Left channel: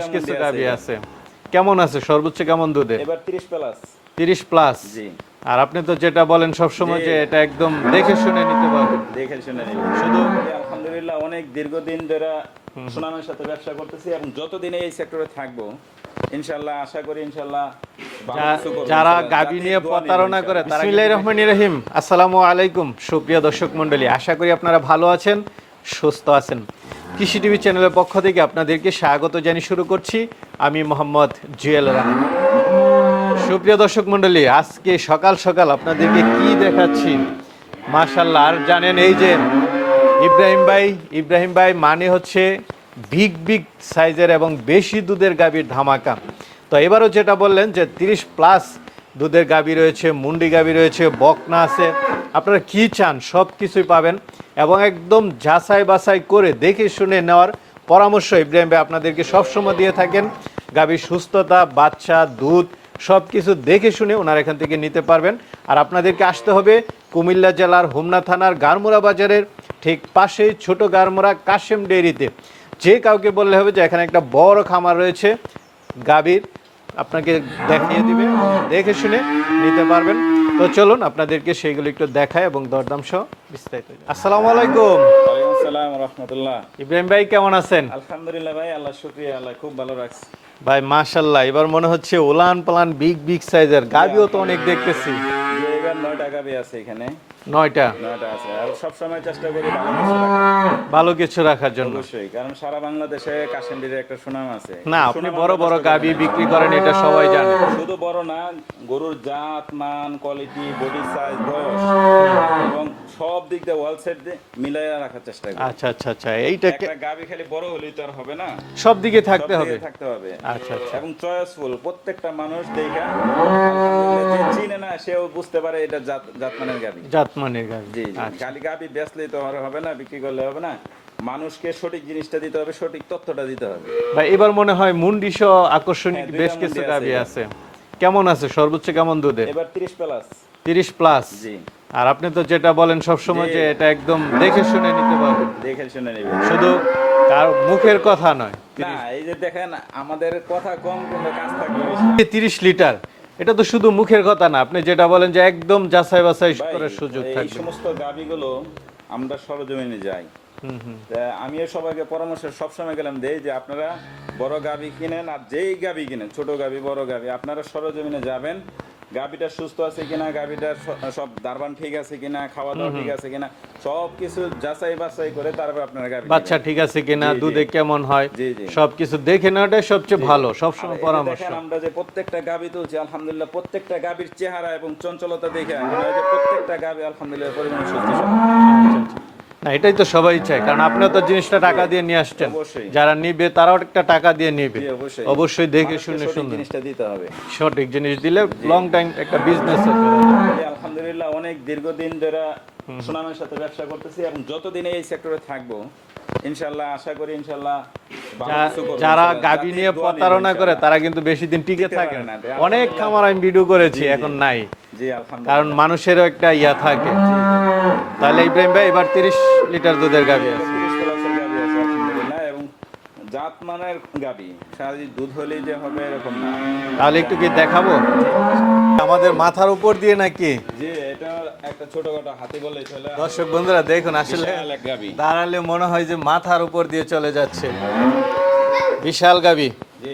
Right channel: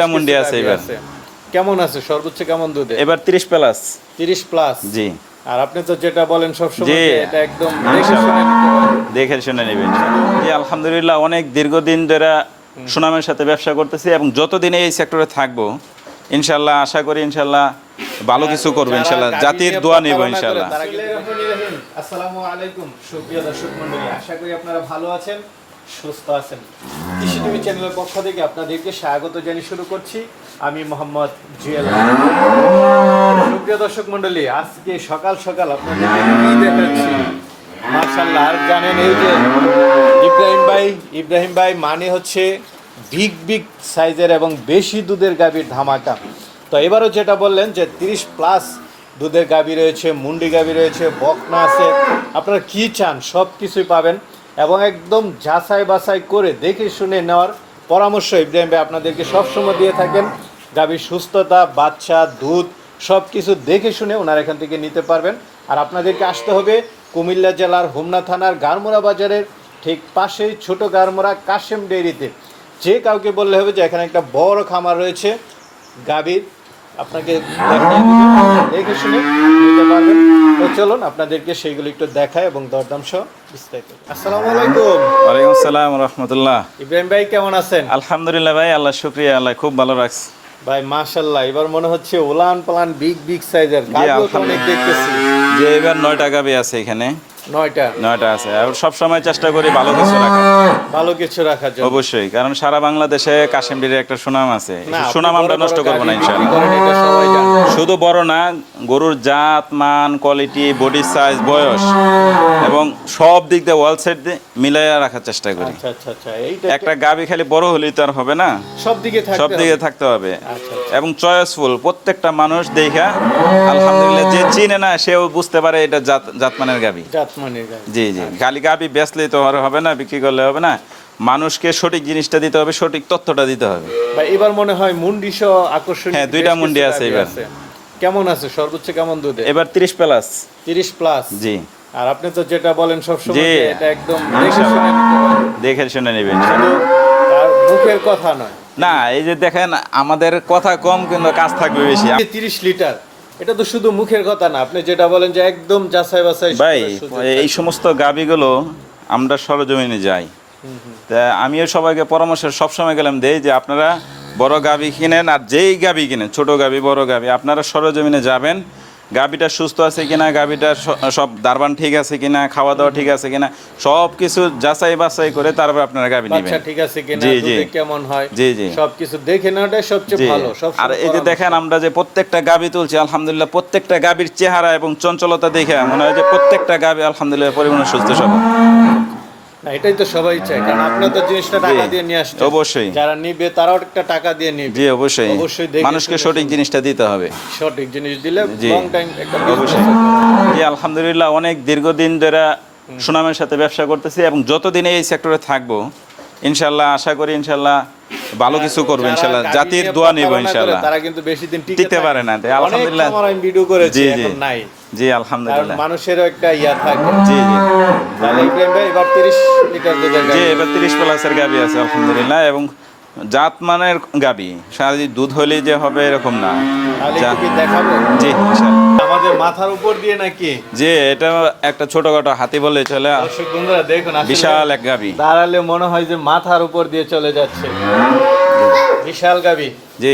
কেমন দিয়ে আছে এবার। কেমন আছে? সর্বোচ্চ কেমন দুধে এবার তিরিশ প্লাস। তিরিশ প্লাস? জি। আর আপনি তো যেটা বলেন সবসময় জি। যে এটা একদম দেখে শুনে নিতে পারবেন। দেখে শুনে নেবেন। জি আলহামদুলিল্লাহ অনেক দীর্ঘদিন ধরে সুনামের সাথে ব্যবসা করতেছি এবং যতদিন এই সেক্টরে থাকব ইনশাল্লাহ আশা করি ইনশাল্লাহ ভালো কিছু করব ইনশাল্লাহ জাতির দোয়া নেব ইনশাল্লাহ বিসমিল্লাহির রহমানির রহিম। আসসালামু আলাইকুম সুপ্রিয় দর্শক মণ্ডলী। আশা করি আপনারা ভালো আছেন সুস্থ আছেন। কৃষি টিভি চ্যানেলের পক্ষ থেকে আপনাদেরকে স্বাগত জানিয়ে শুরু করছি। আমি মোহাম্মদ জুয়েল। সুপ্রিয় দর্শক মণ্ডলী, আজকে সকাল সকাল আপনাদেরকে কি দেখাচ্ছি? মার্শাল্লাহ আর জানেন এই যে ইব্রাহিম ভাই ইব্রাহিম ভাই মানে হচ্ছে বিগ বিগ সাইজের এবং বেশি দুধের গাভীর ধামাকা। তো এবারও যেটা বললেন যে তিরিশ প্লাস দুধের গাভী রয়েছে, মুন্ডি গাভী রয়েছে, বকনা আছে। আপনারা কি চান? সব কিছুই পাবেন। এবং একদম যাচাই বাছাই করে দেখে শুনে নেওয়ার পরামর্শ ইব্রাহিম ভাই আপনাদেরকে সবসময় দিয়ে থাকেন। গাভীর সুস্থতা, বাচ্চা, দুধ সব কিছু দেখে শুনে ওনার এখান থেকে নিতে পারবেন। আর আপনাদেরকে আসতে হবে কুমিল্লা জেলার হোমনা থানার গারমোড়া বাজারের ঠিক পাশে ছোট গারমোড়া কাশেম ডেয়ারিতে যে কাউকে বললে হবে যে এখানে একটা বড় খামার রয়েছে। গাভীর আপনাকে দেখিয়ে দিবে দেখে শুনে নিতে পারবেন। তো চলুন আপনাদেরকে সেইগুলো একটু দেখায় এবং দরদাম সহ বিস্তারিত। আসসালামু আলাইকুম। ওয়ালাইকুম আসসালাম রহমতুল্লাহ। ইব্রাহিম ভাই কেমন আছেন? আলহামদুলিল্লাহ ভাই আল্লাহ শুক্রিয়া আল্লাহ খুব ভালো রাখছে। ভাই মাশাল্লাহ এবার মনে হচ্ছে ওলান পালান বিগ বিগ সাইজের গাড়িও তো অনেক দেখতেছি। যে এবার নয়টা গাবি আছে এখানে। নয়টা? নয়টা আছে। আর সবসময় চেষ্টা করি ভালো কিছু ভালো কিছু রাখার জন্য। অবশ্যই কারণ সারা বাংলাদেশে একটা সুনাম আছে। সুনাম আমরা নষ্ট করব না ইনশাআল্লাহ। শুধু বড় না গরুর জাত মান কোয়ালিটি বডি সাইজ বয়স এবং সব দিক দিয়ে ওয়াল সেট দিয়ে মিলাইয়া রাখার চেষ্টা করি। আচ্ছা আচ্ছা আচ্ছা এইটা একটা গাবি খালি বড় হলেই তো আর হবে না। সব দিকে থাকতে সব দিকে। থাকতে হবে। আচ্ছা আচ্ছা। এবং চয়েসফুল প্রত্যেকটা মানুষ দেখা আলহামদুলিল্লাহ যে চিনে না সেও বুঝতে পারে এটা জাত জাতমানের গাবি গাভী জি জি। খালি গাবি বেচলেই তো আর হবে না বিক্রি করলে হবে না। মানুষকে সঠিক জিনিসটা দিতে হবে সঠিক তথ্যটা দিতে হবে। ভাই এবার মনে হয় মুন্ডি সহ আকর্ষণীয় হ্যাঁ, দুইটা মুন্ডি আছে এবার। কেমন আছে? সর্বোচ্চ কেমন দুধে এবার তিরিশ প্লাস। তিরিশ প্লাস? জি। আর আপনি তো যেটা বলেন সবসময় জি। যে এটা একদম দেখে শুনে নিতে পারবেন। দেখে শুনে নেবেন। শুধু তার মুখের কথা নয়। না এই যে দেখেন আমাদের কথা কম কিন্তু কাজ থাকবে বেশি। তিরিশ লিটার। এটা তো শুধু মুখের কথা না আপনি যেটা বলেন যে একদম যাচাই বাছাই ভাই এই। সমস্ত গাবিগুলো আমরা সরজমিনে যাই। তা আমিও সবাইকে পরামর্শ সবসময় গেলাম দেই যে আপনারা বড় গাবি কিনেন আর যেই গাবি কিনেন ছোট গাবি বড় গাবি আপনারা সরজমিনে যাবেন গাবিটা সুস্থ আছে কিনা গাভীটা সব দারবান ঠিক আছে কিনা খাওয়া দাওয়া ঠিক আছে কিনা সব কিছু যাচাই বাছাই করে তারপর আপনারা বাচ্চা নেবেন ঠিক আছে কিনা জি। কেমন হয় জি, জি। সবকিছু দেখে নেওয়াটাই সবচেয়ে ভালো সব আর এই যে দেখেন আমরা যে প্রত্যেকটা গাভী তুলছি আলহামদুলিল্লাহ প্রত্যেকটা গাভীর চেহারা এবং চঞ্চলতা দেখে মনে হয় যে প্রত্যেকটা গাভী আলহামদুলিল্লাহ পরিমাণে সুস্থ সবল না এটাই তো সবাই চায় কারণ আপনারা তো জিনিসটা টাকা দিয়ে নিয়ে আসছে অবশ্যই। যারা নিবে তারাও একটা টাকা দিয়ে নিবে। জি অবশ্যই। অবশ্যই মানুষকে সঠিক জিনিসটা দিতে হবে। সঠিক জিনিস দিলে লং টাইম একটা বিজনেস জি আলহামদুলিল্লাহ অনেক দীর্ঘদিন ধরে সুনামের সাথে ব্যবসা করতেছি এবং যতদিন এই সেক্টরে থাকব ইনশাল্লাহ আশা করি ইনশাল্লাহ ভালো কিছু করব ইনশাল্লাহ। জাতির দোয়া নেব ইনশাল্লাহ। তারা কিন্তু বেশি দিন টিকতে পারে না, আলহামদুলিল্লাহ। আমি ভিডিও করেছি। এখন নাই। জি আলহামদুলিল্লাহ। মানুষেরও একটা ইয়া থাকে। জি জি। তাহলে ইব্রাহিম ভাই এবার তিরিশ লিটার দুধের জি এবার তিরিশ প্লাসের গাবি আছে আলহামদুলিল্লাহ। এবং জাত মানের গাবি সারাদিন দুধ হলেই যে হবে এরকম না। তাহলে একটু দেখাবো? জি ইনশাল্লাহ। মাথার উপর দিয়ে নাকি? যে এটা একটা ছোটখাটো হাতি বলে চলে। দর্শক বন্ধুরা দেখুন বিশাল এক গাবি। দাঁড়ালে মনে হয় যে মাথার উপর দিয়ে চলে যাচ্ছে। বিশাল গাবি। জি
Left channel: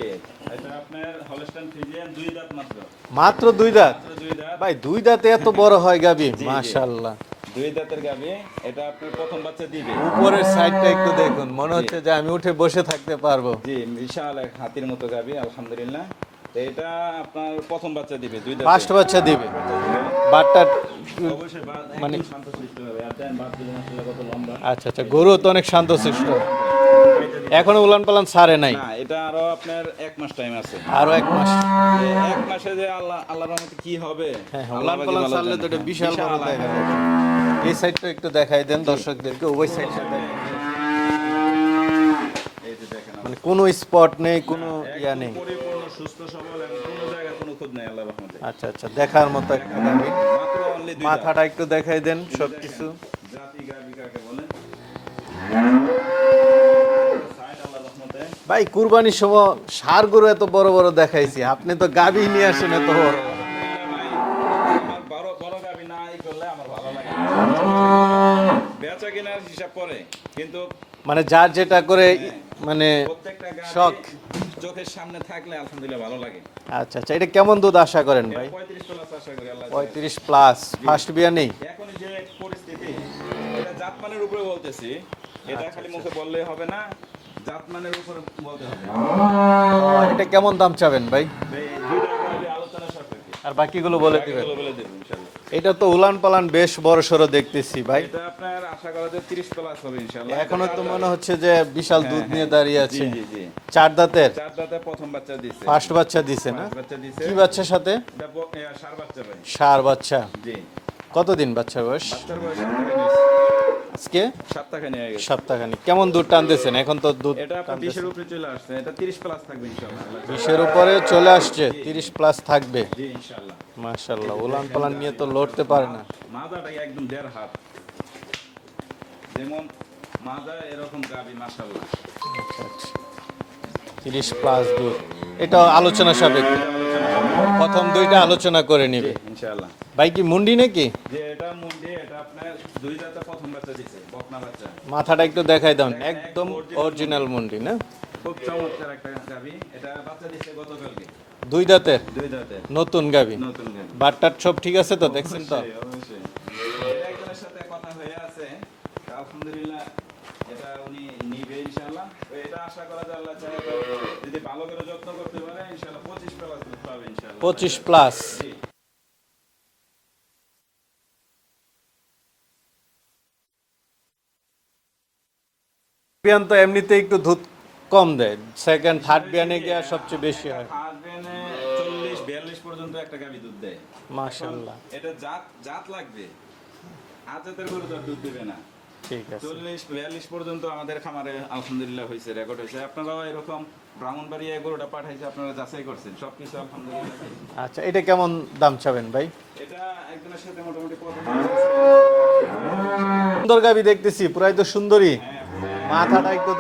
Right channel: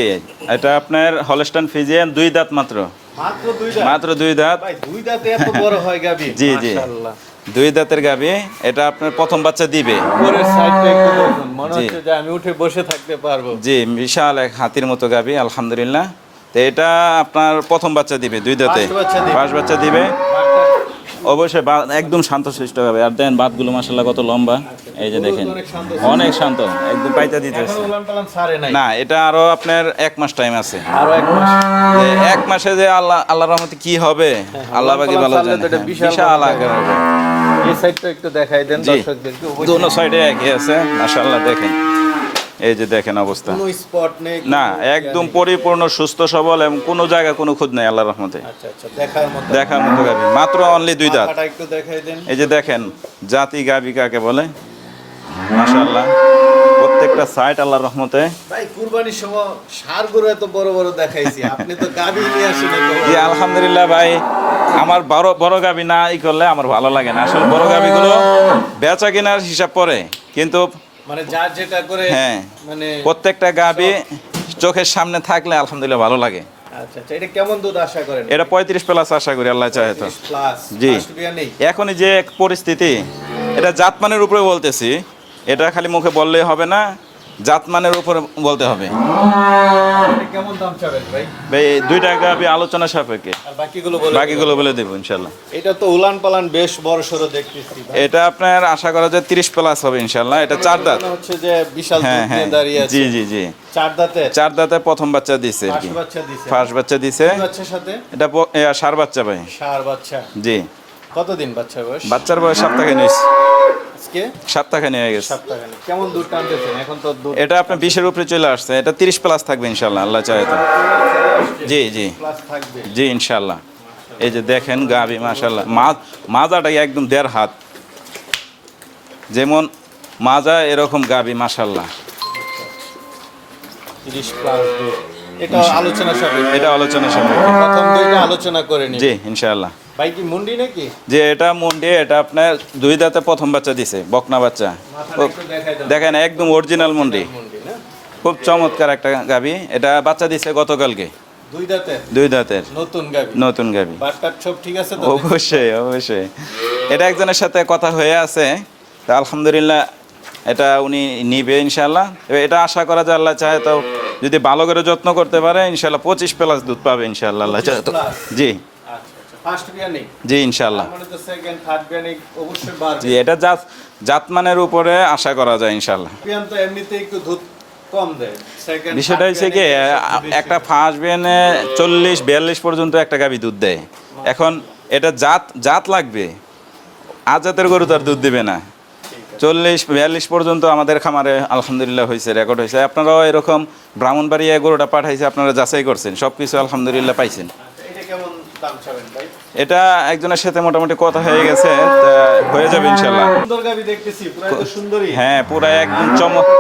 এটা আপনার হলস্টান ফিজিয়ান দুই দাঁত মাত্র। মাত্র দুই দাঁত? মাত্র দুই দাঁত। ভাই দুই দাঁতে এত বড় হয় গাবি? জি, জি। মাশাআল্লাহ। দুই দাঁতের গাবি এটা আপনার প্রথম বাচ্চা দিবে। উপরের সাইডটা একটু দেখুন মনে হচ্ছে যে আমি উঠে বসে থাকতে পারব। জি বিশাল এক হাতির মতো গাবি আলহামদুলিল্লাহ। তো এটা আপনার প্রথম বাচ্চা দিবে দুই দাঁতে। First বাচ্চা দিবে। ফার্স্ট বাচ্চা দিবে। অবশ্যই একদম শান্ত সৃষ্ট হবে। আর দেন বাতগুলো মাসাল্লাহ কত লম্বা। আচ্ছা, আচ্ছা, এই যে দেখেন। অনেক শান্ত অনেক শান্ত। একদম পাইতা দিতে এখনও উলান পালান ছাড়ে নাই। না এটা আরও আপনার এক মাস টাইম আছে। আরও এক মাস। এক মাসে যে আল্লাহ আল্লাহ রহমতে কি হবে? আল্লাহ বাকি ভালো জানে। এটা হ্যাঁ, বিশাল আকার হবে। এই সাইডটা একটু দেখাই দেন। দর্শকদেরকে দোনো সাইডে একই আছে মাশাআল্লাহ দেখেন। এই যে দেখেন অবস্থা। কোনো স্পট নেই না একদম পরিপূর্ণ সুস্থ সবল এবং কোনো জায়গা কোনো খুঁজ নাই আল্লাহর রহমতে। আচ্ছা আচ্ছা দেখার মতো দেখার মতো গাবি মাত্র অনলি দুই দাঁত। একটু দেখাই দেন। এই যে দেখেন জাতি গাবি কাকে বলে? মাশাআল্লাহ। প্রত্যেক একটা সাইট আল্লাহর রহমতে। ভাই কুরবানির সময় সার গরু এত বড় বড় দেখাইছি আপনি তো গাবি নিয়ে আসেন জি আলহামদুলিল্লাহ ভাই আমার বড় বড় গাবি না ই করলে আমার ভালো লাগে না। আসলে বড় গাবিগুলো বেচা কেনার হিসাব পরে কিন্তু মানে যার যেটা করে হ্যাঁ। মানে প্রত্যেকটা গাবি চোখের সামনে থাকলে আলহামদুলিল্লাহ ভালো লাগে। আচ্ছা আচ্ছা এটা কেমন দুধ আশা করেন? এটা পঁয়ত্রিশ প্লাস আশা করি আল্লাহ চাহে তো। প্লাস ফার্স্ট বিয়া নেই। এখনই যে পরিস্থিতি এটা জাতমানের উপরে বলতেছি এটা খালি মুখে বললেই হবে না। জাতমানের উপরে বলতে হবে। এটা কেমন দাম চাবেন ভাই? ভাই এই দুইটা গাবি আলোচনা সাপেক্ষে। আর বাকিগুলো বলে বাকিগুলো বলে দেবো ইনশাল্লাহ এটা তো উলান পালান বেশ বড় সড়ো দেখতেছি ভাই। এটা আপনার আশা করা যায় তিরিশ প্লাস হবে ইনশাল্লাহ এটা চার দাঁত। হচ্ছে যে বিশাল হ্যাঁ দুধ হ্যাঁ নিয়ে দাঁড়িয়ে আছে। জি জি। জি চার দাঁতের? চার দাঁতে প্রথম বাচ্চা দিছে ফার্স্ট বাচ্চা দিছে। ফার্স্ট বাচ্চা দিছে। বাচ্চার সাথে? এটা সার বাচ্চা ভাই। সার বাচ্চা। জি। কতদিন বাচ্চা বয়স? বাচ্চার বয়স সপ্তাহখানি হয়েছে আজকে? সপ্তাহখানি হয়ে গেছে। সপ্তাহখানি কেমন দুধ টানতেছেন এখন তো দুধ এটা আপনার বিশের উপরে চলে আসছে। এটা তিরিশ প্লাস থাকবে ইনশাল্লাহ আল্লাহ চাহে তো। করে চলে আসছে? জি, জি। প্লাস থাকবে? জি ইনশাল্লাহ মাশাআল্লাহ এই যে দেখেন গাবি মাশাল্লাহ মাজাটা একদম দেড় হাত। যেমন মাজা এরকম গাবি মাশাল্লাহ 30 প্লাস দুধ। এটা আলোচনা সাপেক্ষে। এটা আলোচনা সামনে প্রথম দুইটা আলোচনা করে জি ইনশাল্লাহ ভাই কি মুন্ডি নাকি? যে এটা মুন্ডি এটা আপনার দুই দাঁতে প্রথম বাচ্চা দিছে বকনা বাচ্চা। মাথাটা একটু দেখাই দাও। দেখেন একদম অরিজিনাল মুন্ডি। মুন্ডি না? খুব চমৎকার একটা গাবি। এটা বাচ্চা দিছে গতকালকে। দুই দাঁতের? দুই দাঁতের। নতুন গাবি। নতুন গাবি। বাটটার সব ঠিক আছে তো অবশ্যই অবশ্যই। এটা একজনের সাথে কথা হয়ে আছে। তা আলহামদুলিল্লাহ এটা উনি নিবে ইনশাল্লাহ এটা আশা করা যায় আল্লাহ চাহে তো যদি ভালো করে যত্ন করতে পারে ইনশাল্লাহ পঁচিশ প্লাস দুধ পাবে ইনশাল্লাহ আল্লাহ 25 চাহে তো। plus? জি। আচ্ছা জি ইনশাল্লাহ মানে জি এটা জাত জাতমানের উপরে আশা করা যায় ইনশাল্লাহ তো এমনিতে একটু দুধ কম দেয়। বিষয়টা হচ্ছে কি একটা ফার্স্ট বেনে চল্লিশ বিয়াল্লিশ পর্যন্ত একটা গাবি দুধ দেয়। এখন এটা জাত জাত লাগবে। আজাতের গরু তো আর দুধ দিবে না। চল্লিশ বিয়াল্লিশ পর্যন্ত আমাদের খামারে আলহামদুলিল্লাহ হয়েছে রেকর্ড হয়েছে। আপনারাও এরকম ব্রাহ্মণবাড়িয়া গরুটা পাঠাইছে আপনারা যাচাই করছেন সব কিছু আলহামদুলিল্লাহ পাইছেন। আচ্ছা এটা কেমন দাম চাবেন ভাই? এটা একজনের সাথে মোটামুটি কথা হয়ে গেছে হয়ে যাবে ইনশাল্লাহ সুন্দর গাবি দেখতেছি পুরাই তো সুন্দরী। হ্যাঁ পুরো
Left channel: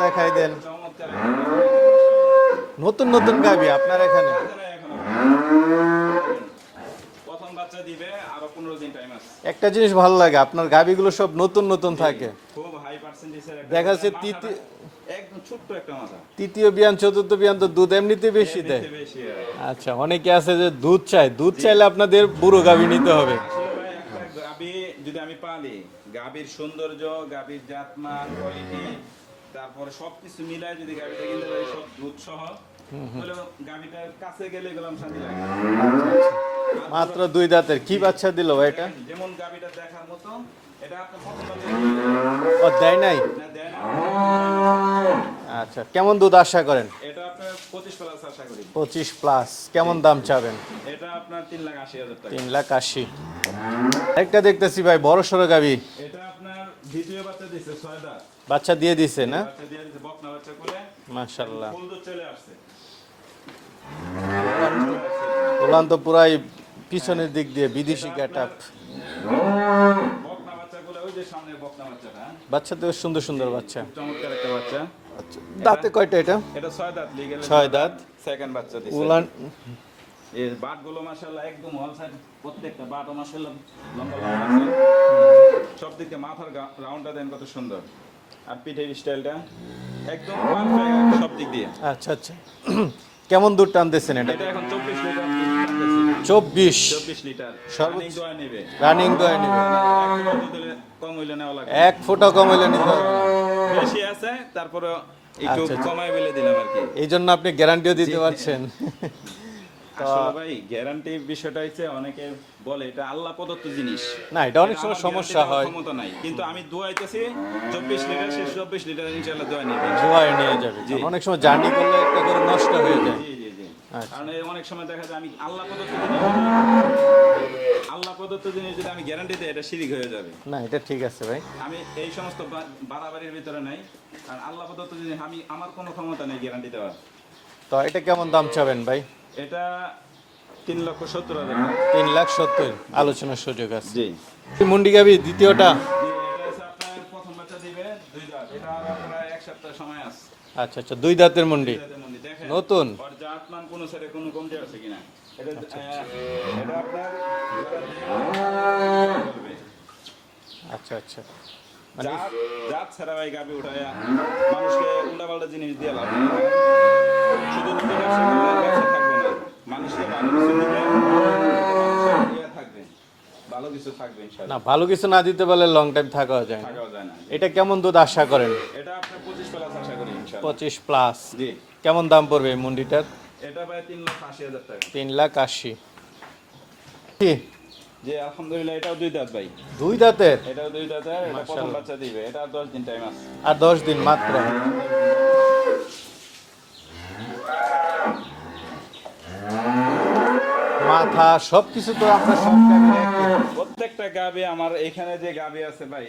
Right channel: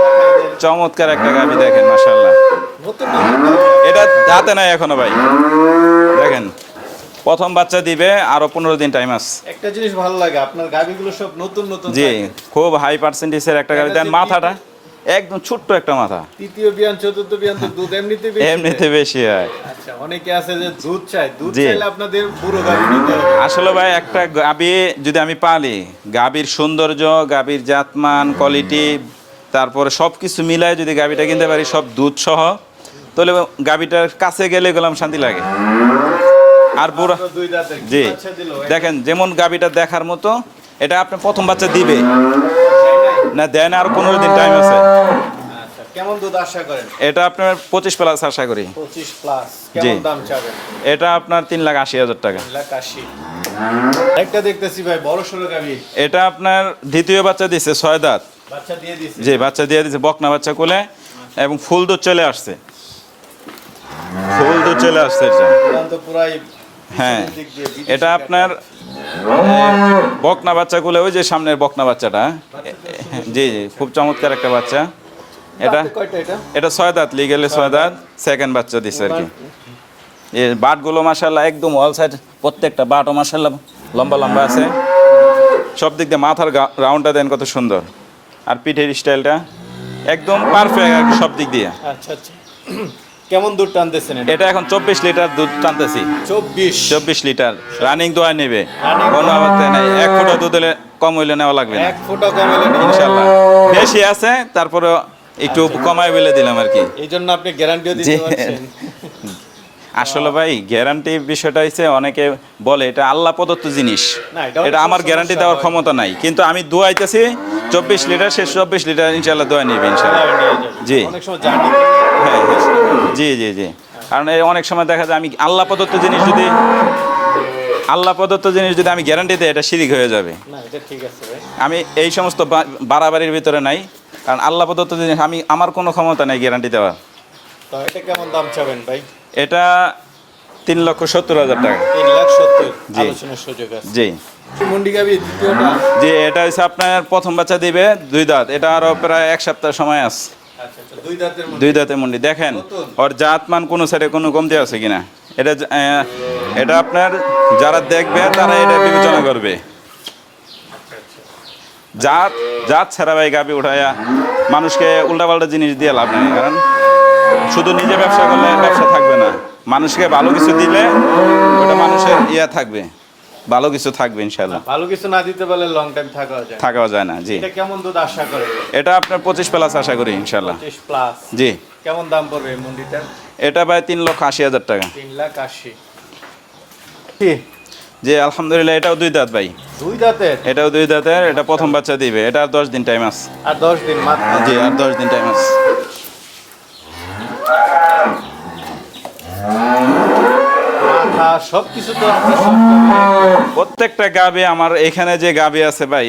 দেখাই দেন। চমৎকার একটা গাবি দেখেন মাসাল্লাহ নতুন নতুন গাবি এটা দাঁতে নাই এখনও ভাই। দেখেন। প্রথম বাচ্চা দিবে আরও পনেরো দিন টাইম আছে। একটা জিনিস ভালো লাগে আপনার গাবিগুলো সব নতুন নতুন জি খুব হাই পার্সেন্টেজের একটা গাড়ি দেন মাথাটা একদম ছোট্ট একটা মাথা। তৃতীয় বিয়ান চতুর্থ বিয়ান তো দুধ এমনিতে বেশি এমনিতে বেশি হয়। আচ্ছা অনেকে আছে যে দুধ চাই দুধ চাইলে আপনাদের পুরো গাবি নিতে হবে। আসলে ভাই একটা গাবি যদি আমি পালি গাবির সৌন্দর্য গাবির জাতমান কোয়ালিটি তারপরে সব কিছু মিলায় যদি গাবিটা কিনতে পারি সব দুধ সহ তাহলে গাবিটার কাছে গেলে গেলাম শান্তি লাগে। আর পুরো দুই দাঁতের। কি বাচ্চা দিল দেখেন যেমন গাবিটা দেখার মতো এটা আপনি প্রথম বাচ্চা দিবে। না দেয় না আর পনেরো দিন টাইম আছে। আচ্ছা কেমন দুধ আশা করেন? এটা আপনার পঁচিশ প্লাস আশা করি। পঁচিশ প্লাস কেমন দাম চাবেন? এটা আপনার তিন লাখ আশি হাজার টাকা। লাখ আশি। একটা দেখতেছি ভাই বড় সড়ো গাবি এটা আপনার দ্বিতীয় বাচ্চা দিছে ছয় দাঁত। বাচ্চা দিয়ে দিছে যে বাচ্চা দিয়ে দিছে বকনা বাচ্চা কোলে এবং ফুল দুধ চলে আসছে। ফুল দুধ চলে আসছে এটা। পুরাই হ্যাঁ। এটা আপনার বকনা বাচ্চা কোলে ওই যে সামনের বকনা বাচ্চাটা সুন্দর সুন্দর জি জি খুব চমৎকার একটা বাচ্চা। এটা এটা? ছয় দাঁত লিগেলে ছয় দাঁত সেকেন্ড বাচ্চা দিচ্ছে আর কি। এই বাটগুলো মাসাল্লাহ একদম অল সাইড প্রত্যেকটা বাটও মাসাল্লাহ লম্বা লম্বা আছে। সব দিক দিয়ে মাথার রাউন্ডটা দেন কত সুন্দর। আর পিঠের স্টাইলটা একদম পারফেক্ট সব দিক দিয়ে। আচ্ছা আচ্ছা। কেমন দুধ টানতেছেন এটা? এখন চব্বিশ লিটার দুধ টানতেছি। চব্বিশ। চব্বিশ লিটার। রানিং দোয়া নেবে। কোনো অবস্থা নাই। এক ফুটা দুধ হলে কম হইলে নেওয়া লাগবে এক ফুটা কম হইলে ইনশাল্লাহ বেশি আছে তারপরে একটু কমায় বলে দিলাম আর কি। এই জন্য আপনি গ্যারান্টিও দিতে পারছেন। আসলে ভাই গ্যারান্টি বিষয়টা হচ্ছে অনেকে বলে এটা আল্লাহ প্রদত্ত জিনিস। এটা আমার গ্যারান্টি দেওয়ার ক্ষমতা নাই। কিন্তু আমি দোয়াইতেছি চব্বিশ লিটার শেষ চব্বিশ লিটার ইনশাল্লাহ দোয়া নিবে ইনশাল্লাহ জি। জার্নি হ্যাঁ জি জি জি। কারণ এই অনেক সময় দেখা যায় আমি আল্লাহ প্রদত্ত জিনিস যদি আল্লাহ প্রদত্ত জিনিস যদি আমি গ্যারান্টি দিই এটা শিরিক হয়ে যাবে। আমি এই সমস্ত বাড়াবাড়ির ভিতরে নাই। কারণ আল্লাহ প্রদত্ত জিনিস আমি আমার কোনো ক্ষমতা নেই গ্যারান্টি দেওয়ার। তো এটা কেমন দাম চাবেন ভাই? এটা তিন লক্ষ সত্তর হাজার টাকা। তিন লাখ সত্তর জি। আলোচনার সুযোগ আছে। জি। দ্বিতীয়টা? যে এটা হচ্ছে আপনার প্রথম বাচ্চা দিবে দুই দাঁত। এটা আরও প্রায় এক সপ্তাহ সময় আছে। আচ্ছা আচ্ছা দুই দাঁতের মন্ডি। দুই দাঁতে মুন্ডি। দেখেন ওর জাত মান কোনো সাইডে কোনো কমতি আছে কিনা? এটা এটা আপনার যারা দেখবে তারা এটা বিবেচনা করবে। আচ্ছা আচ্ছা। জাত জাত ছাড়া ভাই গাবি উঠাইয়া মানুষকে উল্টাপাল্টা জিনিস দিয়ে লাভ নেই কারণ শুধু নিজে ব্যবসা করলে ব্যবসা থাকবে না। মানুষকে ভালো কিছু দিলে ওটা মানুষের ইয়া থাকবে। ভালো কিছু থাকবে ইনশাল্লাহ ভালো কিছু না দিতে পারলে লং টাইম থাকা যায় থাকাও যায় না জি। এটা কেমন দুধ আশা করেন? এটা আপনার পঁচিশ প্লাস আশা করি ইনশাল্লাহ পঁচিশ প্লাস জি। কেমন দাম পড়বে মন্ডিটার? এটা ভাই তিন লক্ষ আশি হাজার টাকা। তিন লাখ আশি। জি। আলহামদুলিল্লাহ এটাও দুই দাঁত ভাই। দুই দাঁতের? এটাও দুই দাঁতের এটা প্রথম বাচ্চা দিবে। এটা আর দশ দিন টাইম আছে। আর দশ দিন মাত্র? জি আর দশ দিন টাইম আছে মাথা সবকিছু তো সব প্রত্যেকটা গাবি আমার এখানে যে গাবি আছে ভাই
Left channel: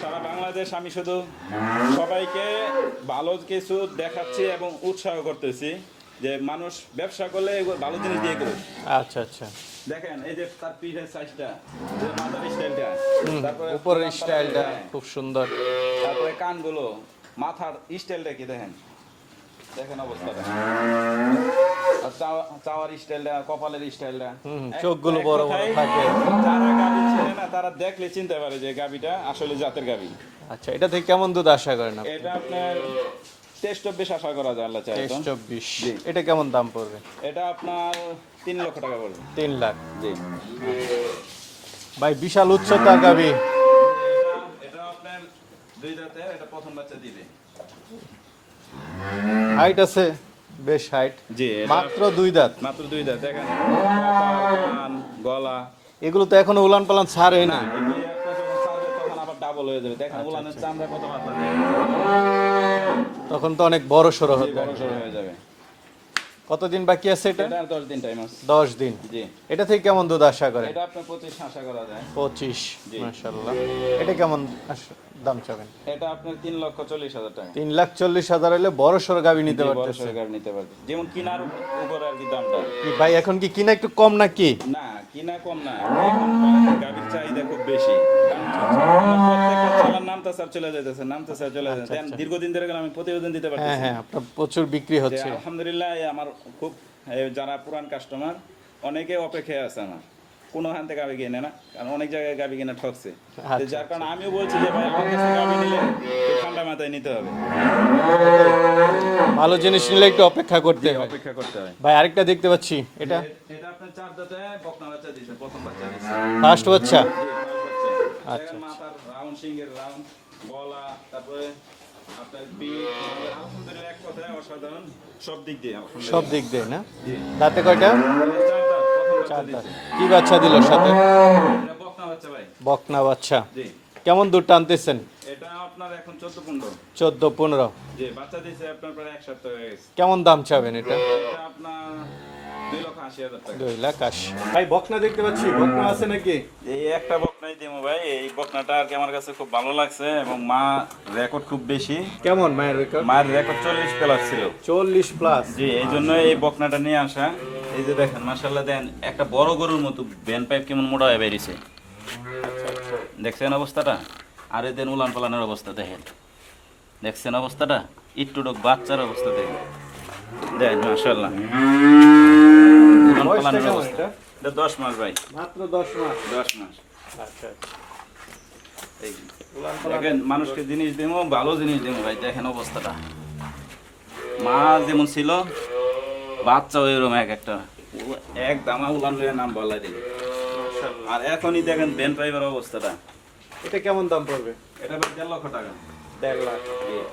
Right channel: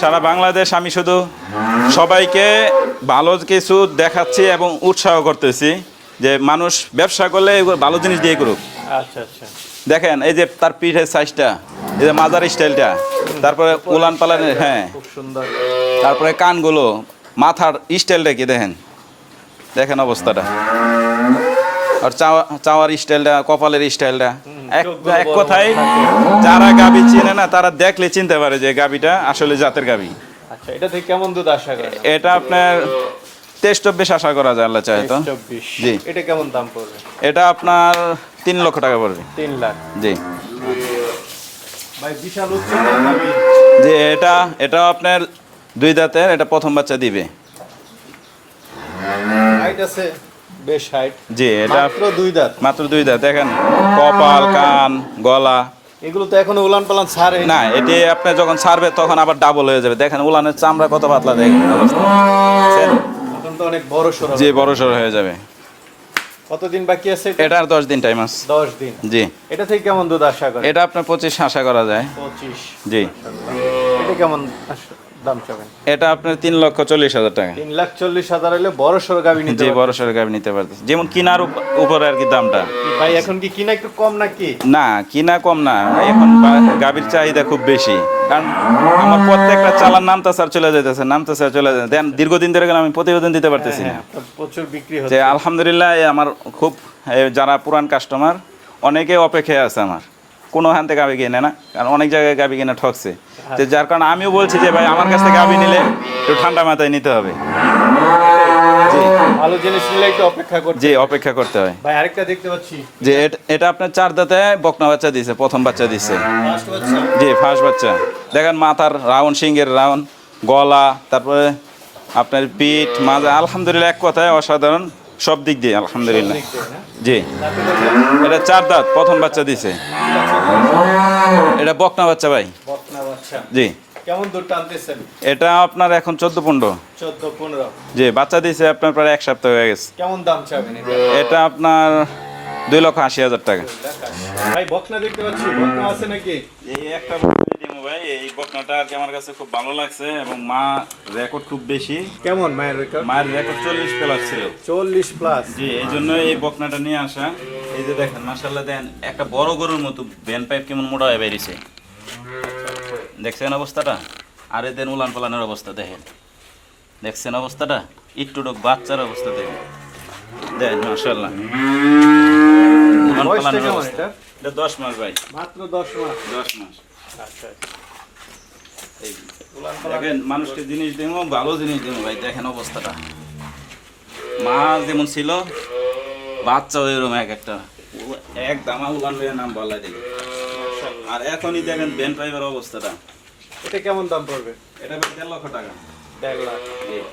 সারা বাংলাদেশ আমি শুধু সবাইকে ভালো কিছু দেখাচ্ছি এবং উৎসাহ করতেছি যে মানুষ ব্যবসা করলে ভালো জিনিস দিয়ে করুক। আচ্ছা আচ্ছা। দেখেন এই যে তার পিঠের সাইজটা এই যে মাজার স্টাইলটা তারপরে উলান পালানের হ্যাঁ। খুব সুন্দর। তারপরে কানগুলো মাথার স্টাইলটা কি দেখেন? দেখেন অবস্থাটা। আর চাওয়া চাওয়ার স্টাইলটা কপালের স্টাইলটা। এক কথায় যারা গাবি চিনে না তারা দেখলে চিনতে পারে যে গাবিটা আসলে জাতের গাবি। আচ্ছা এটা থেকে কেমন দুধ আশা করেন? এটা আপনার তেইশ চব্বিশ আশা করা যায় আল্লাহ চাহে তো। জি। এটা কেমন দাম পড়বে? এটা আপনার তিন লক্ষ টাকা পড়বে। তিন লাখ। জি। ভাই বিশাল উচ্চতার গাবি। যে এটা এটা আপনার দুই দাঁতের এটা প্রথম বাচ্চা দিবে। হাইট আছে? বেশ হাইট জি এটা মাত্র দুই দাঁত। মাত্র দুই দাঁত। দেখেন কপাল কান গলা। এগুলো তো এখনও উলান পালান ছাড়ে না এটি আপনি যখন ছাড়বে তখন আবার ডাবল হয়ে যাবে। দেখেন উলানের চামড়া কত পাতলা দেখেন। তখন তো অনেক বড় সরো জি বড় সড় হয়ে যাবে। কতদিন বাকি আছে এটা? এটা আর দশ দিন টাইম আছে। দশ দিন। জি। এটা থেকে কেমন দুধ আশা করে এটা আপনার পঁচিশ আশা করা যায়। পঁচিশ। জি। এটা কেমন আশা- দাম চাবেন। এটা আপনার তিন লক্ষ চল্লিশ হাজার টাকা। তিন লাখ চল্লিশ হাজার হলে বড় সরো গাবি নিতে বড় সড় নিতে যেমন কিনার উপরে আর কি দামটা। ভাই এখন কি কিনা একটু কম নাকি? না কিনা কম না। এখন গাভীর চাহিদা খুব বেশি। কারণ আমার প্রত্যেকটা চালার নামতা স্যার চলে যাইতেছে নামতা স্যার চলে যাচ্ছে দেন দীর্ঘদিন ধরে আমি প্রতিবেদন দিতে পারতেছি না। হ্যাঁ, প্রচুর বিক্রি হচ্ছে। আলহামদুলিল্লাহ আমার খুব যারা পুরান কাস্টমার অনেকে অপেক্ষায় আছে আমার। কোনো হান থেকে গাবি কিনে না কারণ অনেক জায়গায় গাবি কিনে ঠকছে। তো যার কারণে আমিও বলছি যে ভাই আমার কাছ থেকে গাবি নিলে একটু ঠান্ডা মাথায় নিতে হবে। ভালো জিনিস নিলে একটু অপেক্ষা করছে জি অপেক্ষা করতে হয়। ভাই আরেকটা দেখতে পাচ্ছি। যে এট- এটা আপনার চার দাঁতে বকনা বাচ্চা দিছে প্রথম বাচ্চা দিছে। ফার্স্ট বাচ্চা? জি ফার্স্ট বাচ্চা। দেখেন মাথার রাউন্ড সিংহের রাউন্ড গলা তারপরে আপনার পিঠ মাজা আলহামদুলিল্লাহ এক কথায় অসাধারণ। সব দিক দিয়ে আলহামদুলিল্লাহ। জি। এটা চার দাঁত প্রথম বাচ্চা দিছে। এটা বকনা বাচ্চা ভাই। বকনা বাচ্চা। জি। কেমন দূর টানতেছেন? এটা আপনার এখন চোদ্দ পনেরো। চোদ্দ পনেরো। জি বাচ্চা দিছে আপনার প্রায় এক সপ্তাহ হয়ে গেছে। কেমন দাম চাবেন এটা? এটা আপনার দুই লক্ষ আশি হাজার টাকা। ভাই বকনা দেখতে পাচ্ছি বকনা আছে নাকি? এই একটা বকনাই দেবো ভাই এই বকনাটা আর কি আমার কাছে খুব ভালো লাগছে এবং মা রেকর্ড খুব বেশি। কেমন মায়ের রেকর্ড মায়ের রেকর্ড চল্লিশ প্লাস ছিল। চল্লিশ প্লাস জি এই জন্য এই বকনাটা নিয়ে আসা। এই যে দেখেন দেন একটা বড় গরুর মতো পাইপ কেমন মোটা হয়ে বেরিয়েছে। দেখছেন অবস্থাটা? আর এদের উলান পালানের অবস্থা দেখেন। দেখছেন অবস্থাটা? একটুটুক বাচ্চার অবস্থা দেখেন। দেন মার্শাল্লাহ উলান পালানের অবস্থা? এটা দশ মাস ভাই। মাত্র দশ মাস। দশ মাস। আচ্ছা এই দেখেন মানুষকে জিনিস দেবো ভালো জিনিস দেবো ভাই দেখেন অবস্থাটা। মা যেমন ছিল বাচ্চা ওইরকম এক একটা। এক দামা উলান লইয়া নাম বলা দিল। আর এখনই দেখেন বেন পাইবার অবস্থাটা। এটা কেমন দাম পড়বে? এটা দেড় লক্ষ টাকা। দেড় লাখ।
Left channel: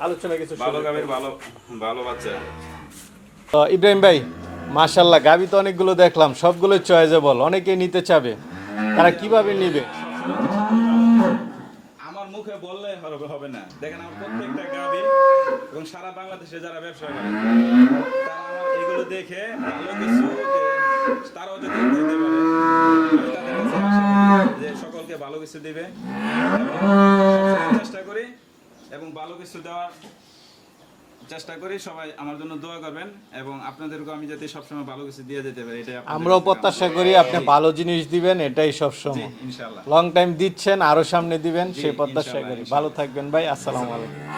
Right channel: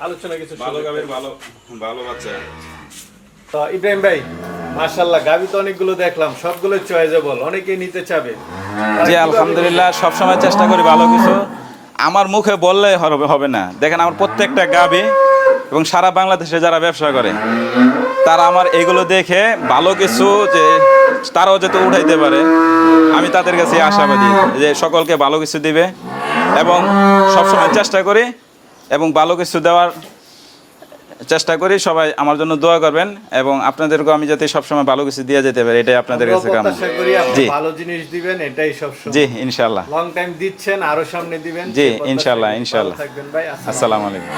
আলোচনা কিছু ভালো। গাবের ভালো ভালো বাচ্চা। তো ইব্রাহিম ভাই মাশাল্লাহ গাবি তো অনেকগুলো দেখলাম সবগুলো চয়েজেবল অনেকে নিতে চাবে। জি আলহামদুলিল্লাহ সবসময় চেষ্টা করি ভালো কিছু। আমার মুখে বললে হবে হবে না। দেখেন আমার প্রত্যেকটা গাবি এবং সারা বাংলাদেশে যারা ব্যবসা করে তারা আমার এগুলো দেখে ভালো কিছু যে তারাও যাতে উঠাইতে পারে আমি তাদের কাছে আশাবাদী যে সকলকে ভালো কিছু দিবে এবং সবসময় চেষ্টা করি এবং ভালো কিছু দেওয়ার চেষ্টা করি সবাই আমার জন্য দোয়া করবেন এবং আপনাদেরকে আমি যাতে সবসময় ভালো কিছু দিয়ে যেতে পারি এটাই আপনাদের কাছে কামনা। করি আপনি জি। ভালো জিনিস দিবেন এটাই সব জি ইনশাআল্লাহ। লং টাইম দিচ্ছেন আরও সামনে দিবেন। জি, ইনশাআল্লাহ ইনশাল্লাহ। থাকবেন ভাই আসসালামু আলাইকুম।